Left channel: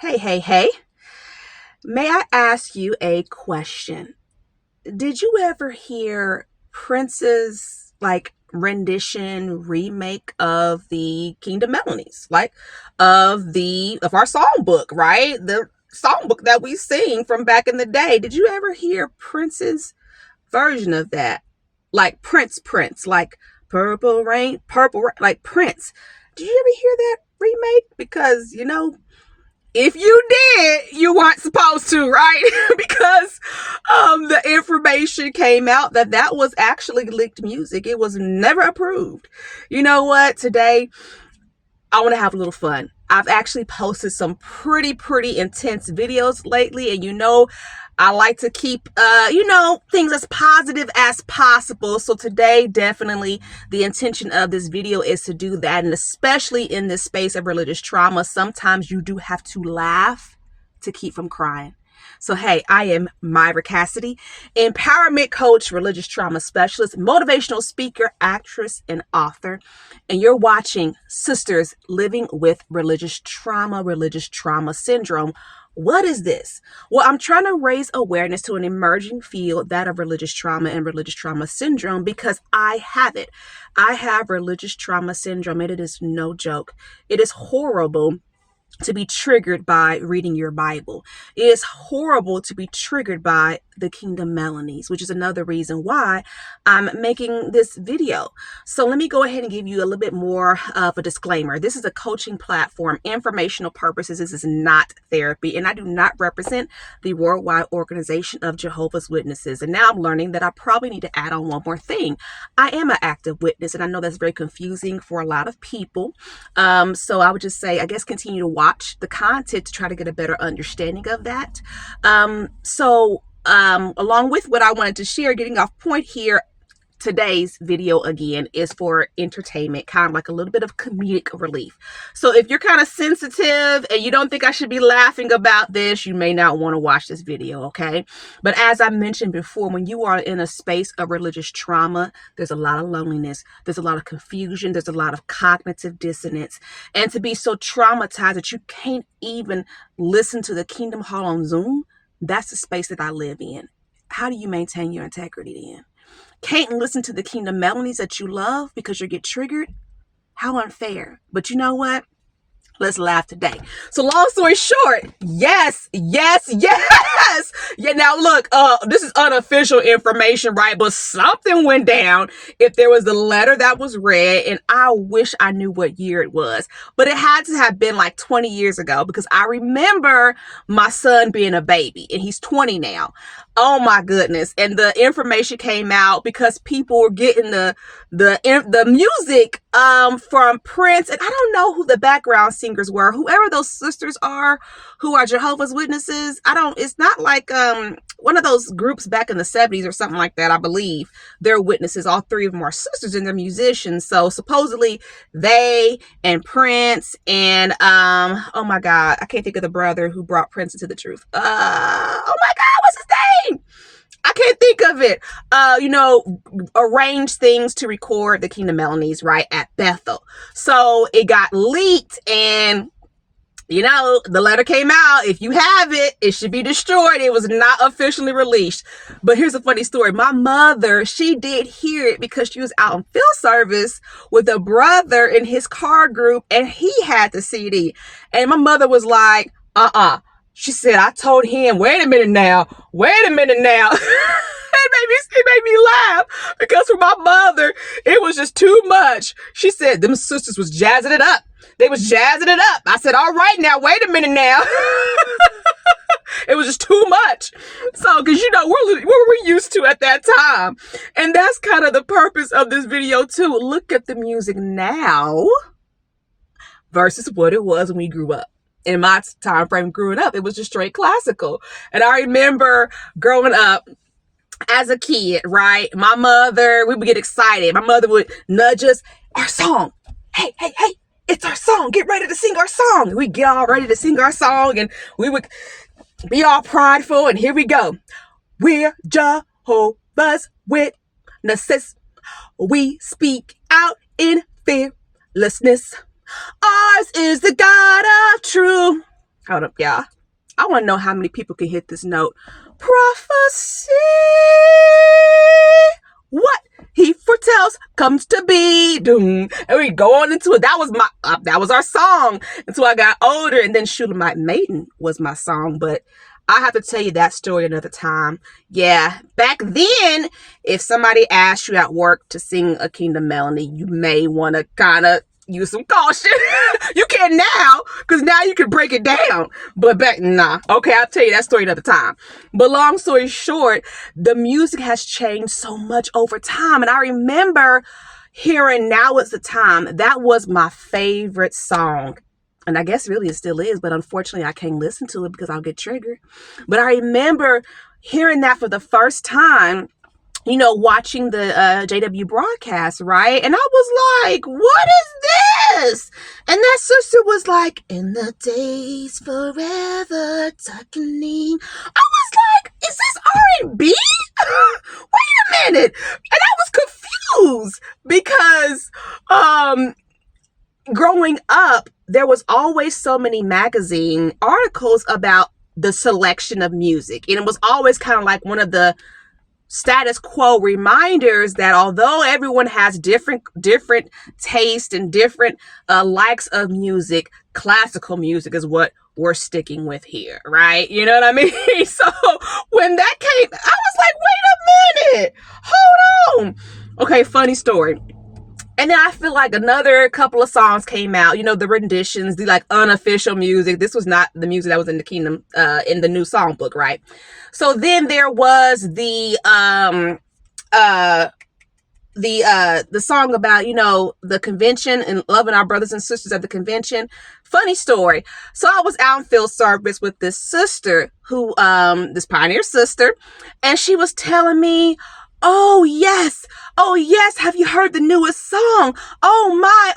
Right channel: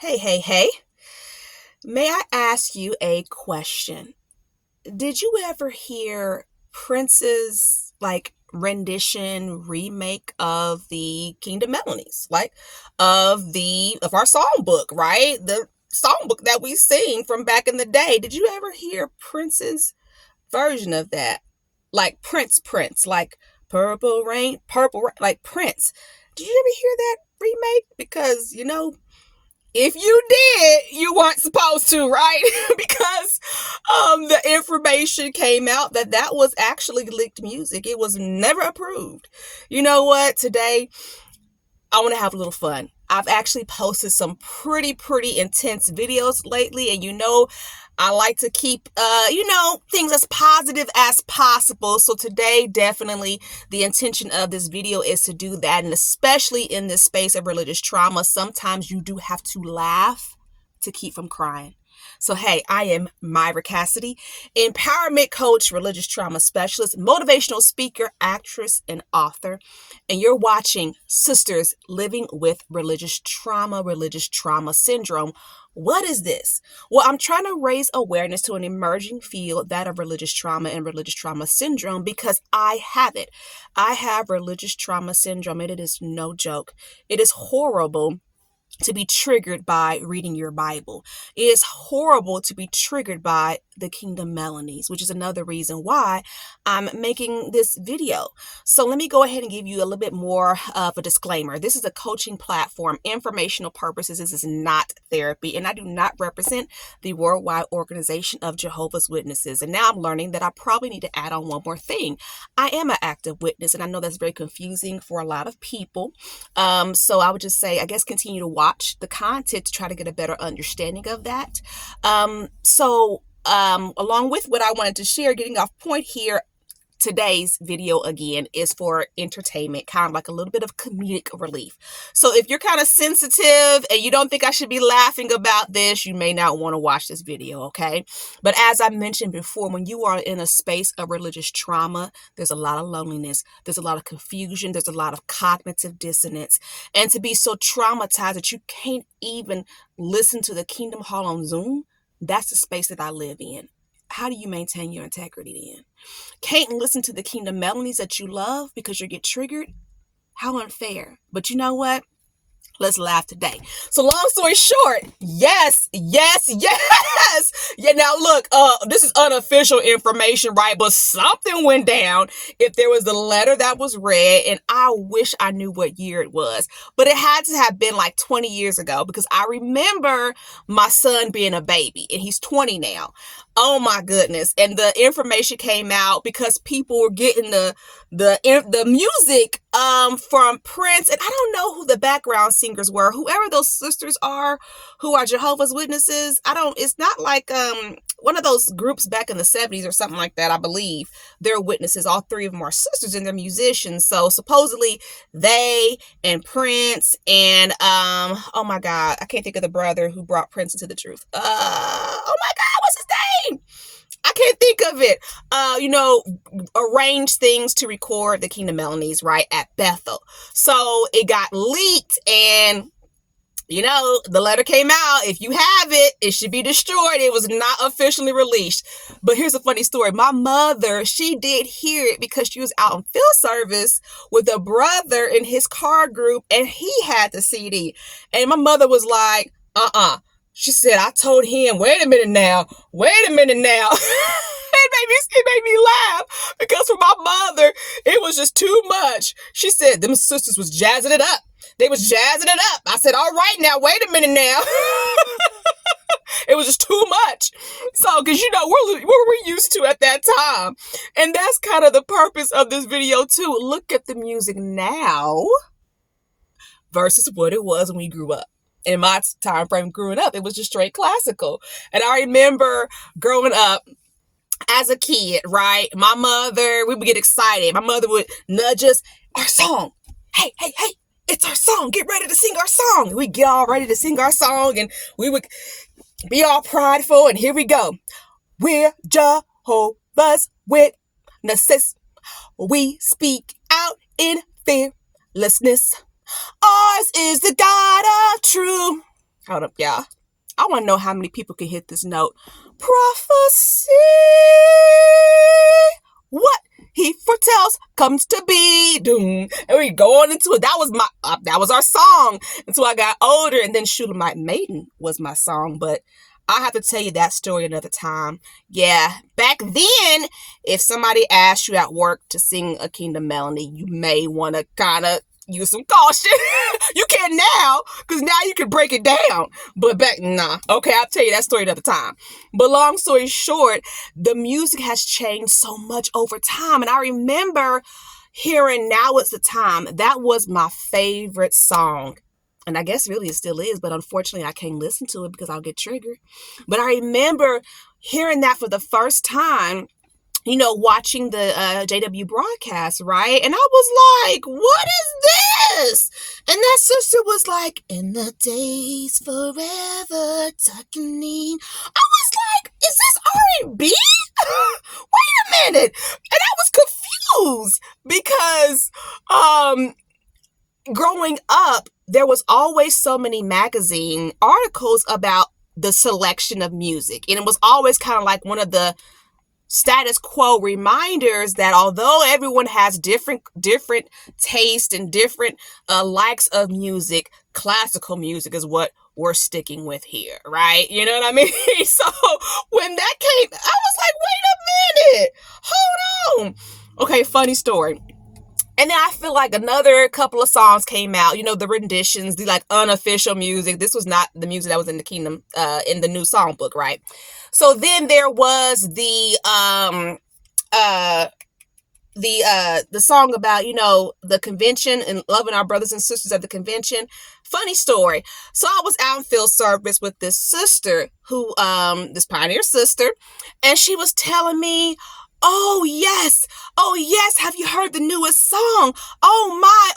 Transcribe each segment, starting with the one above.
Hey, hey, hey. May I ask you a question? Did you ever hear Prince's rendition remake of the Kingdom Melodies? Of our songbook, right? The songbook that we sing from back in the day. Did you ever hear Prince's version of that? Like Prince, like like Prince. Did you ever hear that remake? Because, if you did, you weren't supposed to, right? Because the information came out that was actually leaked music. It was never approved. You know what? Today, I want to have a little fun. I've actually posted some pretty intense videos lately, and I like to keep things as positive as possible. So today, definitely the intention of this video is to do that, and especially in this space of religious trauma, sometimes you do have to laugh to keep from crying. So, hey, I am Myra Cassidy, empowerment coach, religious trauma specialist, motivational speaker, actress, and author. And you're watching Sisters Living with Religious Trauma Syndrome. What is this? Well, I'm trying to raise awareness to an emerging field, that of religious trauma and religious trauma syndrome, because I have it. I have religious trauma syndrome, and it is no joke. It is horrible to be triggered by reading your Bible. It is horrible to be triggered by the Kingdom Melodies, which is another reason why I'm making this video. So let me go ahead and give you a little bit more of a disclaimer. This is a coaching platform, informational purposes. This is not therapy, and I do not represent the worldwide organization of Jehovah's Witnesses. And now I'm learning that I probably need to add on one more thing. I am an active witness, and I know that's very confusing for a lot of people. So I would just say, I guess, continue to watch the content to try to get a better understanding of that. Along with what I wanted to share, getting off point here, today's video again is for entertainment, kind of like a little bit of comedic relief. So if you're kind of sensitive and you don't think I should be laughing about this, you may not want to watch this video, okay? But as I mentioned before, when you are in a space of religious trauma, there's a lot of loneliness, there's a lot of confusion, there's a lot of cognitive dissonance. And to be so traumatized that you can't even listen to the Kingdom Hall on Zoom, that's the space that I live in. How do you maintain your integrity then? Can't listen to the Kingdom Melodies that you love because you get triggered? How unfair. But you know what? Let's laugh today. So long story short, yes. Yeah, now look, this is unofficial information, right? But something went down if there was a letter that was read, and I wish I knew what year it was. But it had to have been like 20 years ago, because I remember my son being a baby, and he's 20 now. Oh my goodness. And the information came out because people were getting the music from Prince, and I don't know who the background singers were, whoever those sisters are who are Jehovah's Witnesses. It's not like one of those groups back in the 70s or something like that. I believe they're witnesses. All three of them are sisters and they're musicians. So supposedly they and Prince and oh my God, I can't think of the brother who brought Prince into the truth. Oh my God, what's his name? I can't think of it. Arrange things to record the Kingdom Melodies, right, at Bethel. So it got leaked, and the letter came out. If you have it, it should be destroyed. It was not officially released. But here's a funny story. My mother, she did hear it because she was out on field service with a brother in his car group, and he had the CD. And my mother was like, She said, I told him, wait a minute now. It made me laugh, because for my mother, it was just too much. She said them sisters was jazzing it up. They was jazzing it up. I said, all right now, wait a minute now. It was just too much. So, because what were we used to at that time? And that's kind of the purpose of this video too. Look at the music now versus what it was when we grew up. In my time frame growing up, it was just straight classical. And I remember growing up as a kid, right? My mother, we would get excited. My mother would nudge us, our song. Hey, it's our song. Get ready to sing our song. We'd get all ready to sing our song, and we would be all prideful, and here we go. We're Jehovah's Witnesses. We speak out in fearlessness. Ours is the God of truth. Hold up, y'all. I want to know how many people can hit this note. Prophecy. What he foretells comes to be. Doom. And we go on into it. That was our song until I got older. And then Shulamite Maiden was my song. But I have to tell you that story another time. Yeah, back then, if somebody asked you at work to sing a Kingdom Melody, you may want to kind of use some caution. You can now, because now you can break it down. But back, nah. Okay, I'll tell you that story another time. But long story short, the music has changed so much over time. And I remember hearing Now Is the Time. That was my favorite song. And I guess really it still is, but unfortunately I can't listen to it because I'll get triggered. But I remember hearing that for the first time, you know, watching the JW broadcast, right? And I was like, what is this? And that sister was like, in the days forever darkening. I was like, is this R&B? Wait a minute. And I was confused because growing up, there was always so many magazine articles about the selection of music. And it was always kind of like one of the status quo reminders that although everyone has different taste and different likes of music, classical music is what we're sticking with here, right? You know what I mean? So when that came, I was like, wait a minute, hold on. Okay, funny story. And then I feel like another couple of songs came out, you know, the renditions, the like unofficial music. This was not the music that was in the Kingdom, in the new songbook, right? So then there was the song about, you know, the convention and loving our brothers and sisters at the convention. Funny story. So I was out in field service with this sister who, this pioneer sister, and she was telling me, oh yes, have you heard the newest song? Oh my,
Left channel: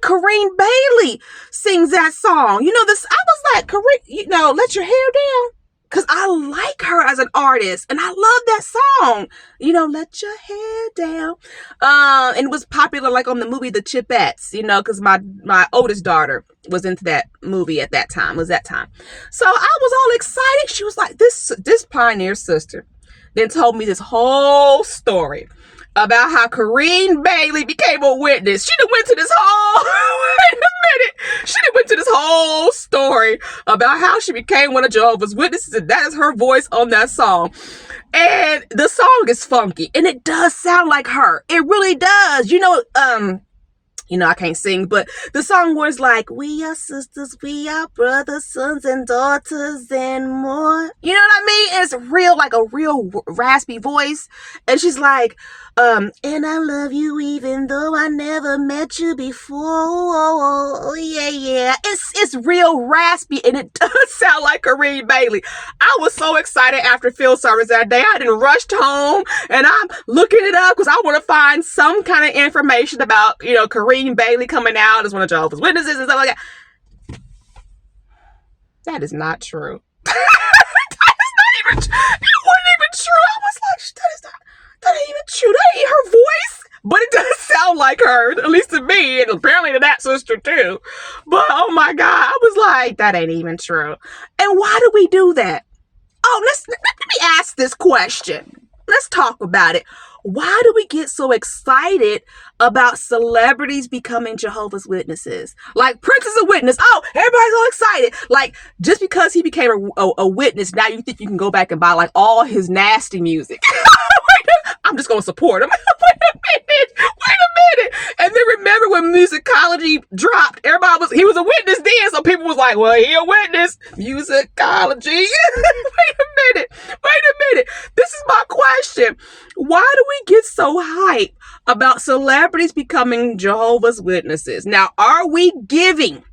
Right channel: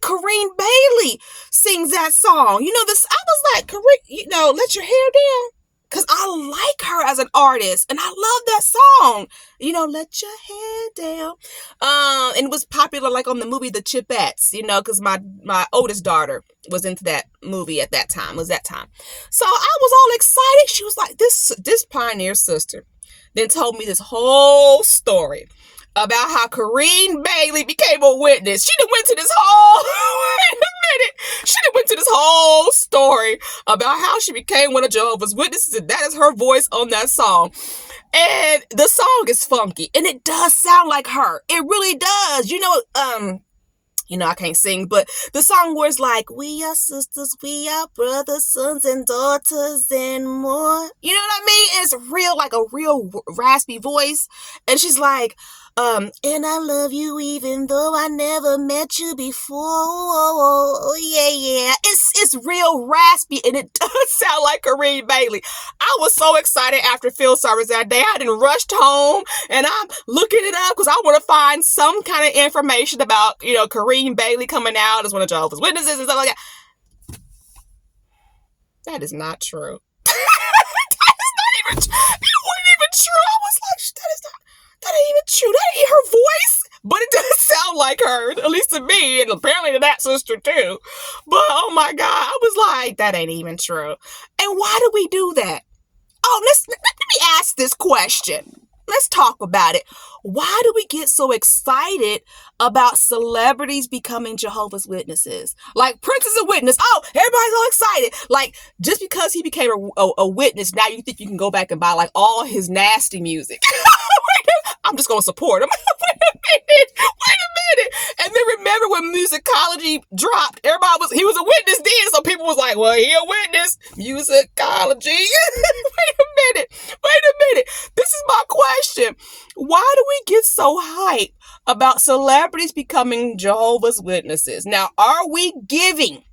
Corinne Bailey sings that song. You know, this, I was like, Corinne, you know, let your hair down. Cause I like her as an artist and I love that song. You know, let your hair down. And it was popular like on the movie The Chipettes, you know, cause my oldest daughter was into that movie at that time, So I was all excited. She was like, this pioneer sister then told me this whole story about how Corinne Bailey became a witness. She done went to this whole, wait a minute. She done went to this whole story about how she became one of Jehovah's Witnesses, and that is her voice on that song. And the song is funky, and it does sound like her. It really does. You know, I can't sing, but the song was like, we are sisters, we are brothers, sons and daughters and more. You know what I mean? It's real, like a real raspy voice. And she's like, and I love you even though I never met you before. Oh, yeah. It's real raspy, and it does sound like Corinne Bailey. I was so excited after field service that day. I didn't rushed home, and I'm looking it up because I want to find some kind of information about, you know, Corinne Bailey coming out as one of Jehovah's Witnesses and stuff like that. That is not true. That is not even true. It wasn't even true. I was like, that ain't even true. That ain't her voice. But it does sound like her, at least to me, and apparently to that sister too. But oh my God, I was like, that ain't even true. And why do we do that? Oh, let me ask this question. Let's talk about it. Why do we get so excited about celebrities becoming Jehovah's Witnesses? Like Prince is a witness. Oh, everybody's all excited. Like just because he became a witness, now you think you can go back and buy like all his nasty music. I'm just going to support him. Wait a minute. And then remember when musicology dropped, he was a witness then. So people was like, well, he a witness. Musicology. Wait a minute. This is my question. Why do we get so hyped about celebrities becoming Jehovah's Witnesses? Now, are we giving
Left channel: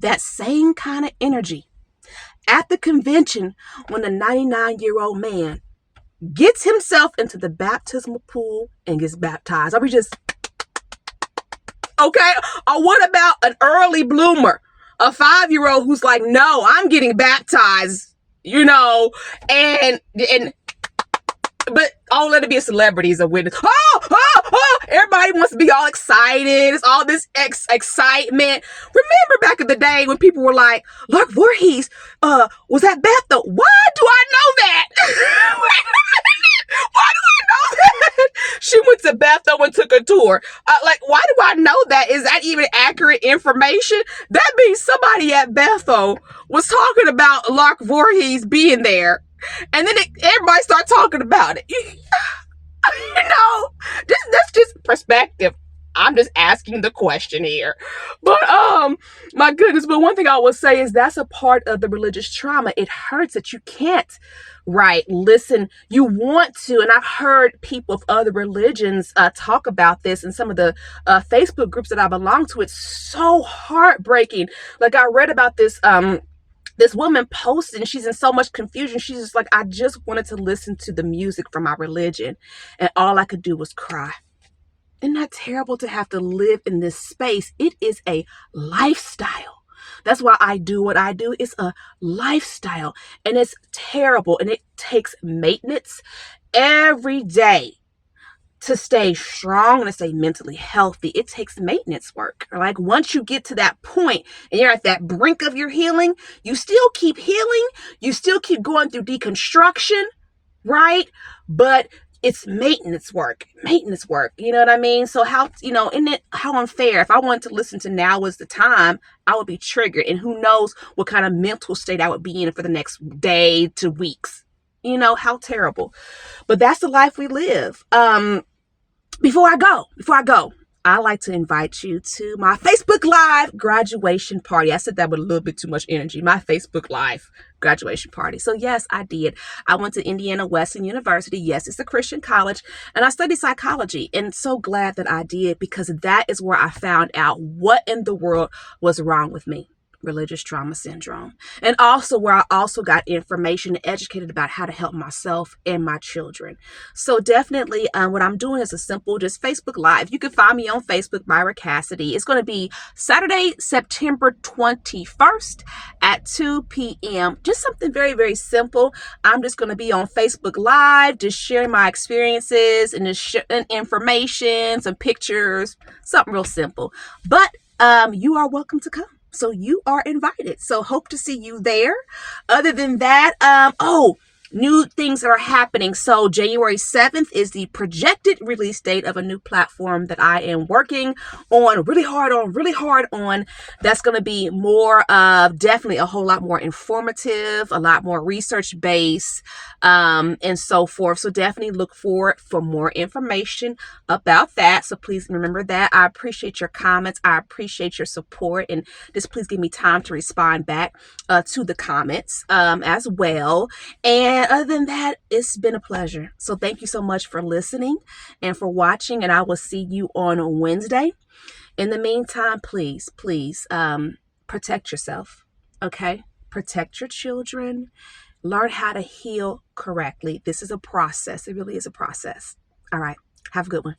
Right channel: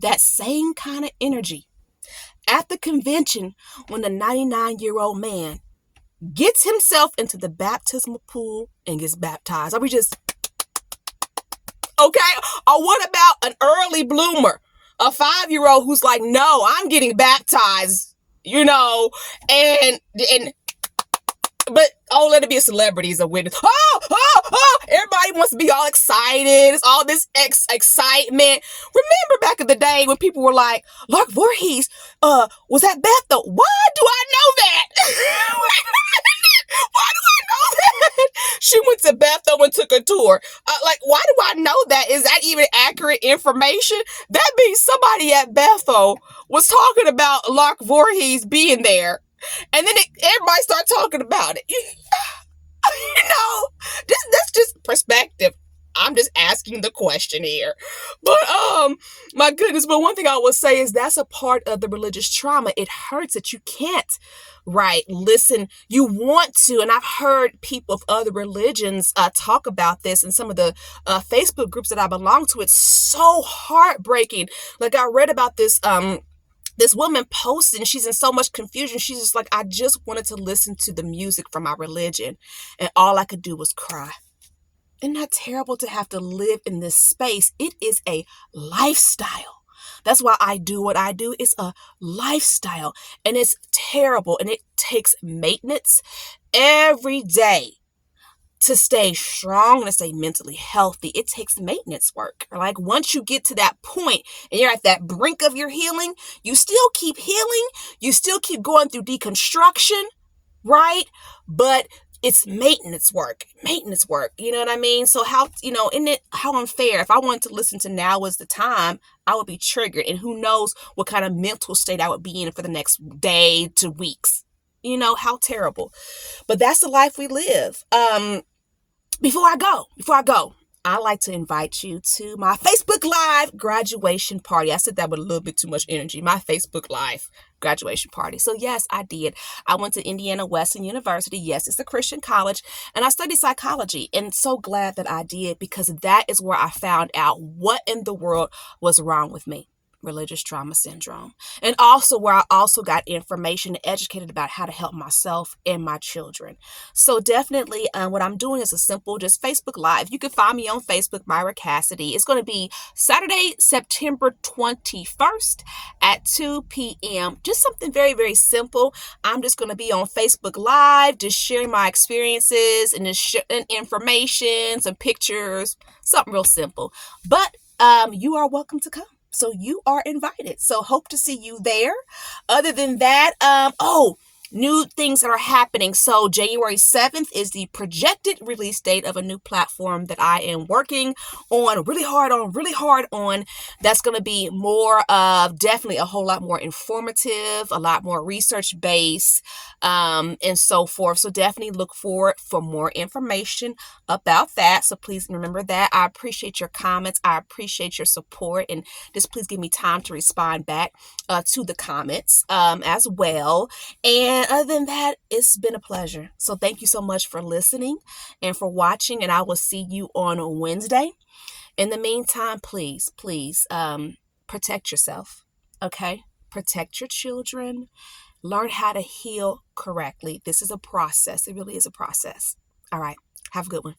that same kind of energy at the convention when the 99-year-old man gets himself into the baptismal pool and gets baptized? Are we just, okay? Or what about an early bloomer, a 5-year-old who's like, no, I'm getting baptized, you know, but oh, let it be a celebrity as a witness. Oh, Everybody wants to be all excited. It's all this excitement. Remember back in the day when people were like, Lark Voorhees was at Bethel. Why do I know that? Why do I know that? She went to Bethel and took a tour. Why do I know that? Is that even accurate information? That means somebody at Bethel was talking about Lark Voorhees being there. And then everybody started talking about it. That's just perspective. I'm just asking the question here. But my goodness, but one thing I will say is that's a part of the religious trauma. It hurts that you can't, right, listen. You want to, and I've heard people of other religions talk about this in some of the Facebook groups that I belong to. It's so heartbreaking. Like I read about this this woman posted, and she's in so much confusion. She's just like, I just wanted to listen to the music from my religion, and all I could do was cry. Isn't that terrible to have to live in this space? It is a lifestyle. That's why I do what I do. It's a lifestyle, and it's terrible, and it takes maintenance every day to stay strong and to stay mentally healthy. It takes maintenance work. Like once you get to that point and you're at that brink of your healing, you still keep healing. You still keep going through deconstruction, right? But it's maintenance work. You know what I mean? So how unfair. If I wanted to listen to Now Is the Time, I would be triggered. And who knows what kind of mental state I would be in for the next day to weeks. How terrible. But that's the life we live. Before I go, I'd like to invite you to my Facebook Live graduation party. I said that with a little bit too much energy. My Facebook Live graduation party. So yes, I did. I went to Indiana Wesleyan University. Yes, it's a Christian college. And I studied psychology. And so glad that I did, because that is where I found out what in the world was wrong with me. Religious trauma syndrome. And also where I also got information and educated about how to help myself and my children. So definitely what I'm doing is a simple just Facebook Live. You can find me on Facebook, Myra Cassidy. It's going to be Saturday, September 21st at 2 p.m. Just something very, very simple. I'm just going to be on Facebook Live, just sharing my experiences and just information, some pictures, something real simple. But you are welcome to come. So you are invited. So hope to see you there. Other than that, new things that are happening. So January 7th is the projected release date of a new platform that I am working on really hard on. That's going to be more of definitely a whole lot more informative, a lot more research based, and so forth. So definitely look forward for more information about that. So please remember that. I appreciate your comments. I appreciate your support, and just please give me time to respond back to the comments as well. And other than that, it's been a pleasure. So thank you so much for listening and for watching, and I will see you on Wednesday. In the meantime, please protect yourself, okay? Protect your children. Learn how to heal correctly. This is a process. It really is a process. All right. Have a good one.